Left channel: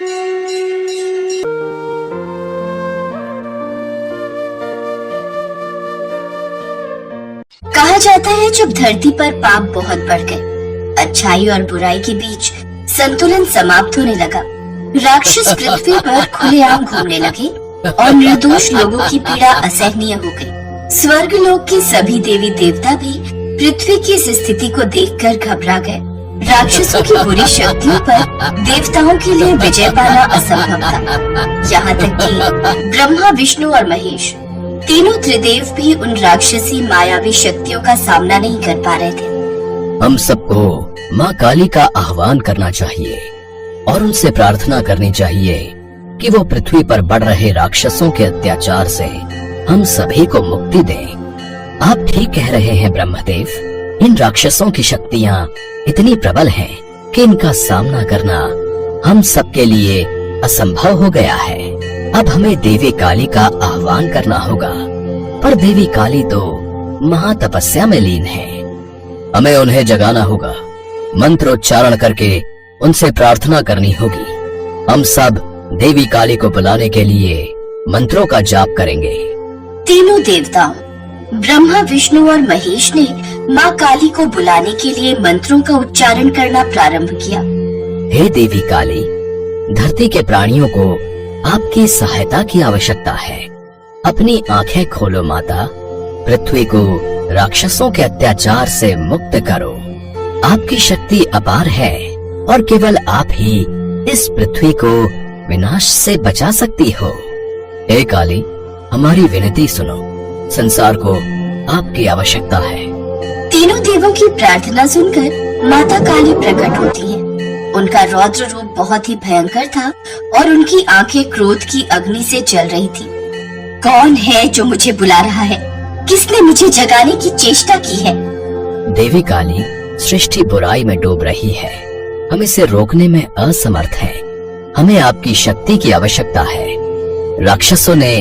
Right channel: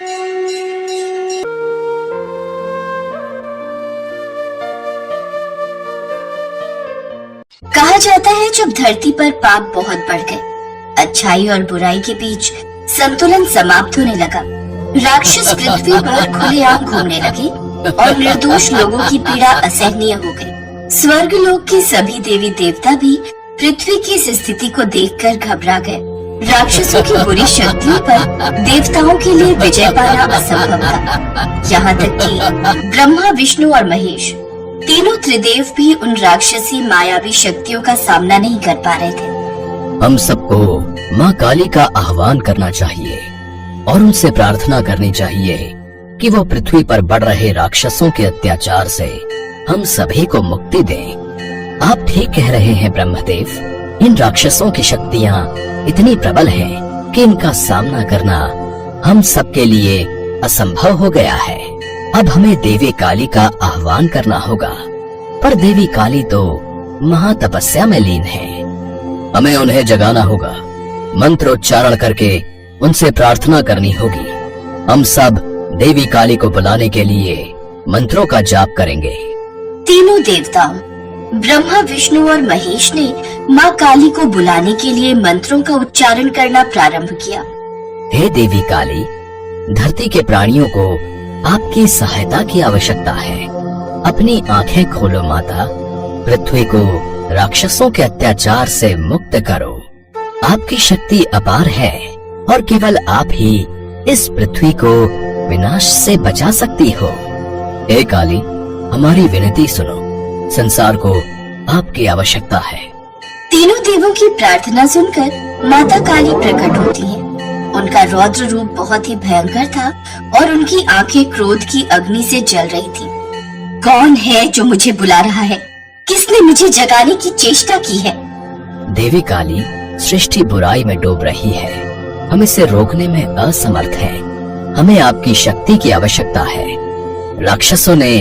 कहा जाता है जब धरती पर पाप बहुत बढ़ गए, अच्छाई और बुराई के बीच संतुलन समाप्त होने लगा, राक्षस पृथ्वी पर खुलेआम घूमने लगे और निर्दोष लोगों की पीड़ा असहनीय हो गई। स्वर्ग लोक के सभी देवी देवता भी पृथ्वी की इस स्थिति को देखकर घबरा गए। राक्षसों की बुरी शक्तियों पर देवताओं के लिए विजय पाना असंभव था। यहाँ तक कि ब्रह्मा, विष्णु और महेश तीनों त्रिदेव भी उन राक्षसी मायावी शक्तियों का सामना नहीं कर पा रहे थे। हम सबको माँ काली का आह्वान करना चाहिए और उनसे प्रार्थना करनी चाहिए कि वो पृथ्वी पर बढ़ रहे राक्षसों के अत्याचार से हम सभी को मुक्ति दें। आप ठीक कह रहे हैं ब्रह्मदेव, इन राक्षसों की शक्तियाँ इतनी प्रबल हैं कि इनका सामना करना हम सबके लिए असंभव हो गया है। अब हमें देवी काली का आह्वान करना होगा, पर देवी काली तो महातपस्या में लीन है। हमें उन्हें जगाना होगा, मंत्रोच्चारण करके उनसे प्रार्थना करनी होगी। हम सब देवी काली को बुलाने के लिए मंत्रों का जाप करेंगे। तीनों देवताओं ब्रह्मा, विष्णु और महेश ने माँ काली को बुलाने के लिए मंत्रों का उच्चारण करना प्रारंभ किया। हे देवी काली, धरती के प्राणियों को आपकी सहायता की आवश्यकता है। अपनी आंखें खोलो माता, पृथ्वी को राक्षसों के अत्याचार से मुक्त करो। आपकी शक्ति अपार है और केवल आप ही इस पृथ्वी को विनाश से बचा सकती हो। हे काली, हमारी विनती सुनो, संसार को आपकी आवश्यकता है। तीनों देवों की प्रार्थना सुनकर माता काली प्रकट होती है। उनका रौद्र रूप बहुत ही भयंकर था और उनकी आंखें क्रोध की अग्नि से जल रही थी। कौन है जो मुझे बुला रहा है? किसने मुझे जगाने की चेष्टा की है? देवी काली, सृष्टि बुराई में डूब रही है, हम इसे रोकने में असमर्थ हैं। हमें आपकी शक्ति की आवश्यकता है। राक्षसों ने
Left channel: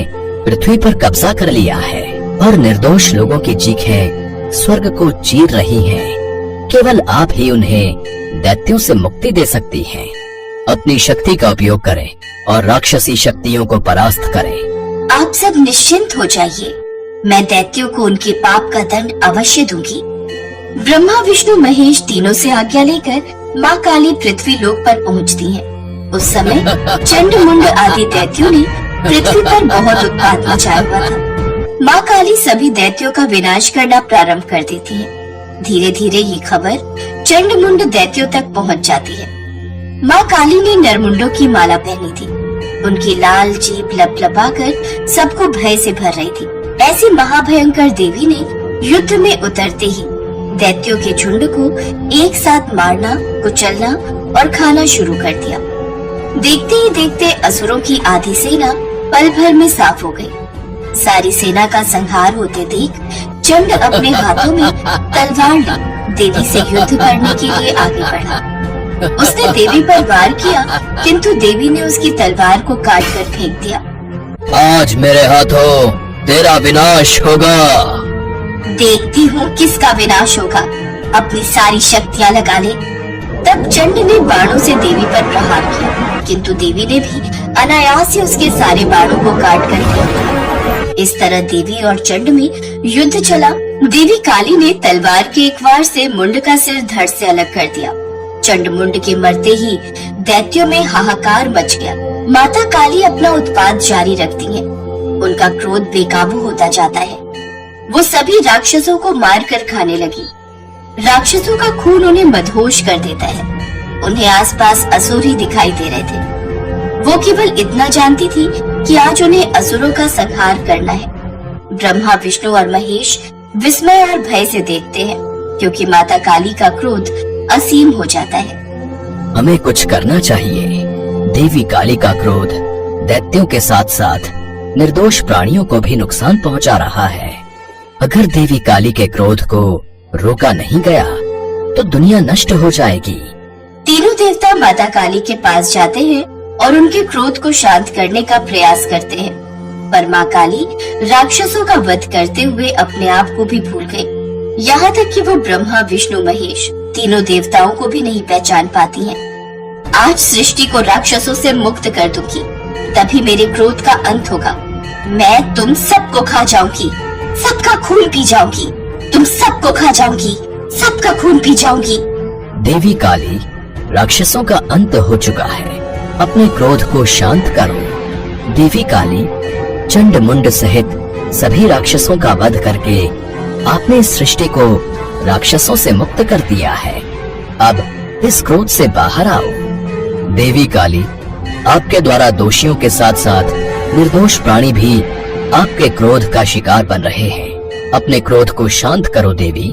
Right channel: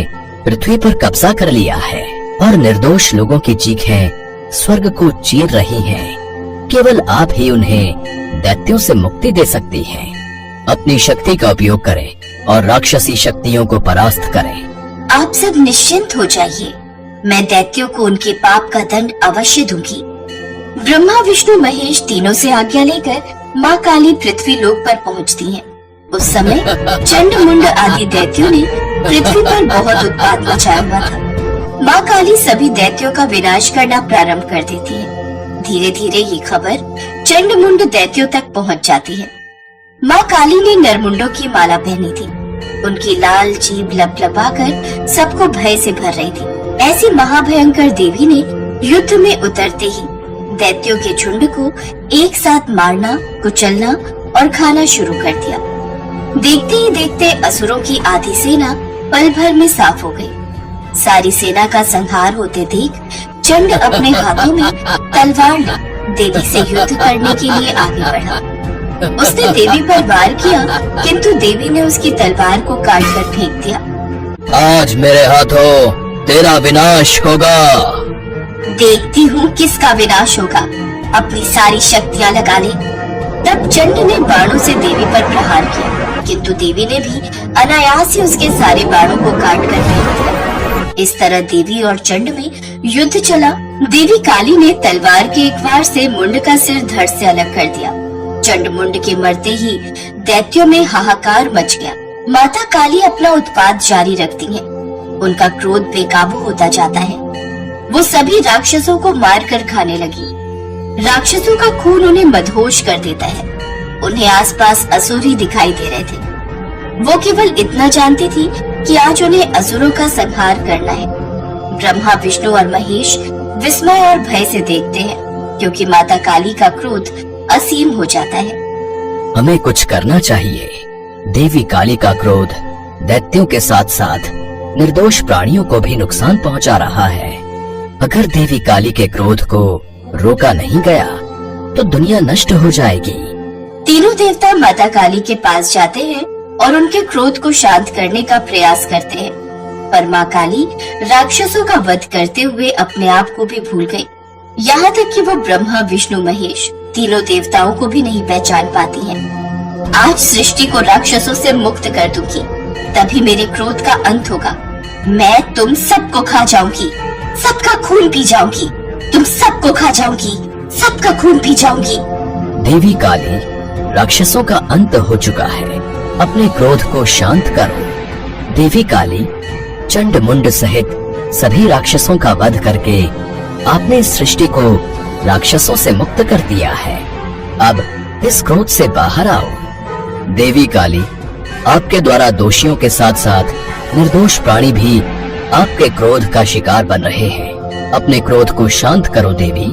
पृथ्वी पर कब्जा कर लिया है और निर्दोष लोगों की चीखें स्वर्ग को चीर रही हैं। केवल आप ही उन्हें दैत्यों से मुक्ति दे सकती हैं। अपनी शक्ति का उपयोग करें और राक्षसी शक्तियों को परास्त करें। आप सब निश्चिंत हो जाइए, मैं दैत्यों को उनके पाप का दंड अवश्य दूंगी। ब्रह्मा, विष्णु, महेश तीनों से आज्ञा लेकर माँ काली पृथ्वी लोक पर पहुँचती है। उस समय चंड मुंड आदि दैत्यों ने पृथ्वी पर बहुत उत्पात मचाया हुआ था। माँ काली सभी दैत्यों का विनाश करना प्रारंभ कर देती है। धीरे धीरे ये खबर चंड मुंड दैत्यों तक पहुँच जाती है। माँ काली ने नरमुंडों की माला पहनी थी। उनकी लाल जीभ लपलपाकर सबको भय से भर रही थी। ऐसी महाभयंकर देवी ने युद्ध में उतरते ही दैत्यों के झुंड को एक साथ मारना, कुचलना और खाना शुरू कर दिया। देखते ही देखते असुरों की आधी सेना पल भर में साफ हो गई। सारी सेना का संहार होते देख चंड अपने हाथों में तलवार ले देवी से युद्ध करने के लिए आगे बढ़ा। उसने देवी पर वार किया, किंतु देवी ने उसकी तलवार को काट कर फेंक दिया। आज मेरे हाथों तेरा विनाश होगा। देखती हूँ किसका विनाश होगा। अपनी सारी शक्तियाँ लगा ले। तब चंड ने बाणों से देवी पर प्रहार किया, किंतु देवी ने भी अनायास ही उसके सारे बाणों को काट कर फेंक दिया। इस तरह देवी और चंड में युद्ध चला। देवी काली ने तलवार के एक वार से मुंड का सिर धड़ से अलग कर दिया। चंड मुंड के मरते ही दैत्यों में हाहाकार मच गया। माता काली अपना उत्पात जारी रखती हैं। उनका क्रोध बेकाबू होता जाता है। वो सभी राक्षसों को मार कर खाने लगी। राक्षसों का खून उन्हें मदहोश कर देता है। उन्हें आसपास असुर ही दिखाई दे रहे थे। वो केवल इतना जानती थी कि आज उन्हें असुरों का संहार करना है। ब्रह्मा, विष्णु और महेश विस्मय और भय से देखते हैं, क्योंकि माता काली का क्रोध असीम हो जाता है। हमें कुछ करना चाहिए। देवी काली का क्रोध दैत्यों के साथ साथ निर्दोष प्राणियों को भी नुकसान पहुंचा रहा है। अगर देवी काली के क्रोध को रोका नहीं गया तो दुनिया नष्ट हो जाएगी। तीनों देवता माता काली के पास जाते हैं और उनके क्रोध को शांत करने का प्रयास करते हैं, पर माँ काली राक्षसों का वध करते हुए अपने आप को भी भूल गई। यहाँ तक कि वो ब्रह्मा, विष्णु, महेश तीनों देवताओं को भी नहीं पहचान पाती हैं। आज सृष्टि को राक्षसों से मुक्त कर दूंगी, तभी मेरे क्रोध का अंत होगा। मैं तुम सबको खा जाऊंगी, सबका खून पी जाऊंगी, तुम सबको खा जाऊंगी, सबका खून पी जाऊंगी। देवी काली, राक्षसों का अंत हो चुका है, अपने क्रोध को शांत करो। देवी काली, चंड मुंड सहित सभी राक्षसों का वध करके आपने इस सृष्टि को राक्षसों से मुक्त कर दिया है। अब इस क्रोध से बाहर आओ। देवी काली, आपके द्वारा दोषियों के साथ साथ निर्दोष प्राणी भी आपके क्रोध का शिकार बन रहे हैं। अपने क्रोध को शांत करो देवी,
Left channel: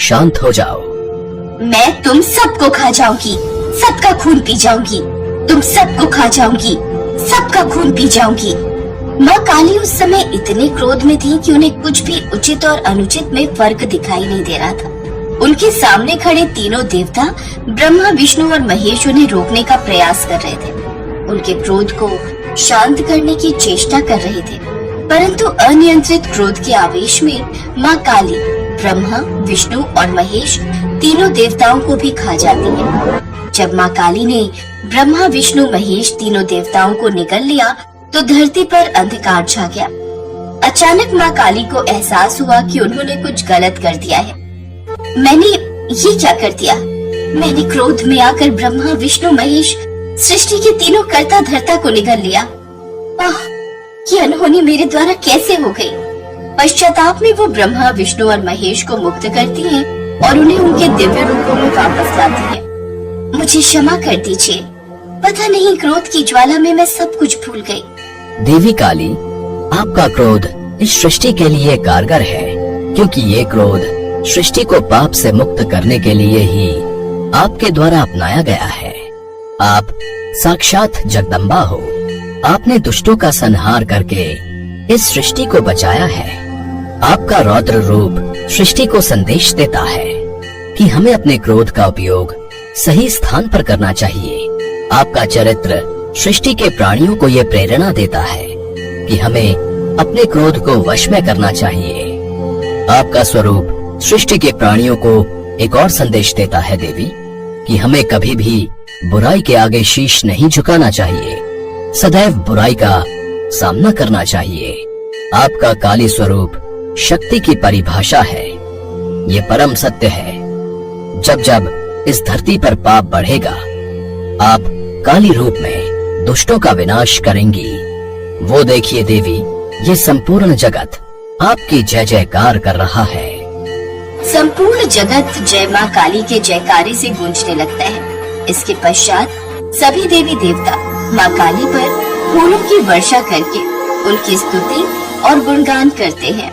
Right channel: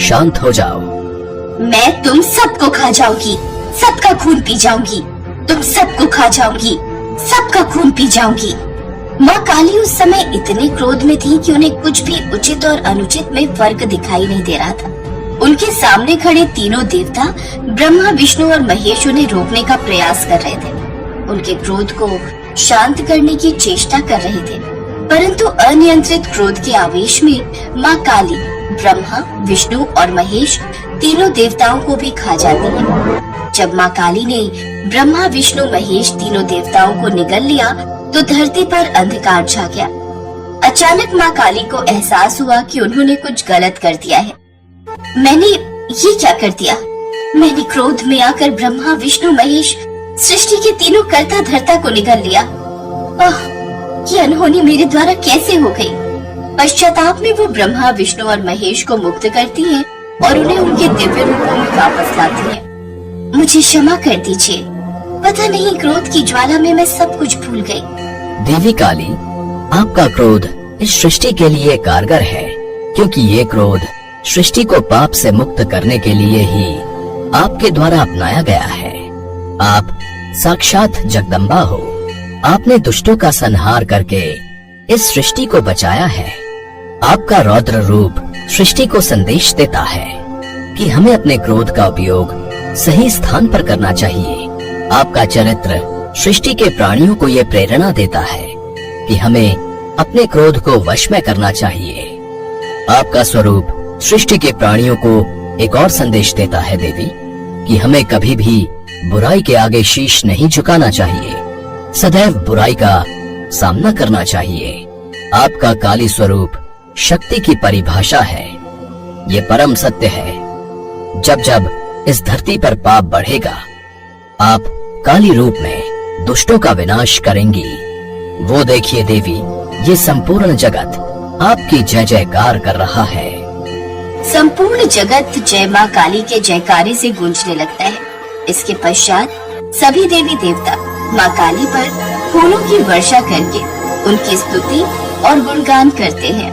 शांत हो जाओ। मैं तुम सबको खा जाऊंगी, सबका खून पी जाऊंगी, तुम सबको खा जाऊंगी, सबका खून पी जाऊंगी। माँ काली उस समय इतने क्रोध में थी कि उन्हें कुछ भी उचित और अनुचित में फर्क दिखाई नहीं दे रहा था। उनके सामने खड़े तीनों देवता ब्रह्मा, विष्णु और महेश उन्हें रोकने का प्रयास कर रहे थे, उनके क्रोध को शांत करने की चेष्टा कर रहे थे, परंतु अनियंत्रित क्रोध के आवेश में माँ काली ब्रह्मा, विष्णु और महेश तीनों देवताओं को भी खा जाती है। जब माँ काली ने ब्रह्मा, विष्णु, महेश तीनों देवताओं को निगल लिया तो धरती पर अंधकार छा गया। अचानक माँ काली को एहसास हुआ कि उन्होंने कुछ गलत कर दिया है। मैंने ये क्या कर दिया? मैंने क्रोध में आकर ब्रह्मा, विष्णु, महेश सृष्टि के तीनों कर्ता धर्ता को निगल लिया। ये अनहोनी मेरे द्वारा कैसे हो गई? पश्चाताप में वो ब्रह्मा, विष्णु और महेश को मुक्त करती हैं और उन्हें उनके दिव्य रूपों में वापस लाती हैं। मुझे क्षमा कर दीजिए, पता नहीं क्रोध की ज्वाला में मैं सब कुछ भूल गई। देवी काली, आपका क्रोध इस सृष्टि के लिए कारगर है, क्योंकि ये क्रोध सृष्टि को पाप से मुक्त करने के लिए ही आपके द्वारा अपनाया गया है। आप साक्षात जगदम्बा हो। आपने दुष्टों का संहार करके इस सृष्टि को बचाया है। आपका रौद्र रूप सृष्टि को संदेश देता है कि हमें अपने क्रोध का उपयोग सही स्थान पर करना चाहिए। आपका चरित्र सृष्टि के प्राणियों को यह प्रेरणा देता है कि हमें अपने क्रोध को वश में करना चाहिए। आपका स्वरूप सृष्टि के प्राणियों को एक और संदेश देता है देवी, कि हमें कभी भी बुराई के आगे शीश नहीं झुकाना चाहिए, सदैव बुराई का सामना करना चाहिए। आपका काली स्वरूप शक्ति की परिभाषा है। ये परम सत्य है। जब जब इस धरती पर पाप बढ़ेगा, आप काली रूप में दुष्टों का विनाश करेंगी। वो देखिए देवी, ये संपूर्ण जगत आपकी जय जयकार कर रहा है। संपूर्ण जगत जय माँ काली के जयकारे से गूंजने लगता है। इसके पश्चात सभी देवी देवता माँ काली पर फूलों की वर्षा करके उनकी स्तुति और गुणगान करते हैं।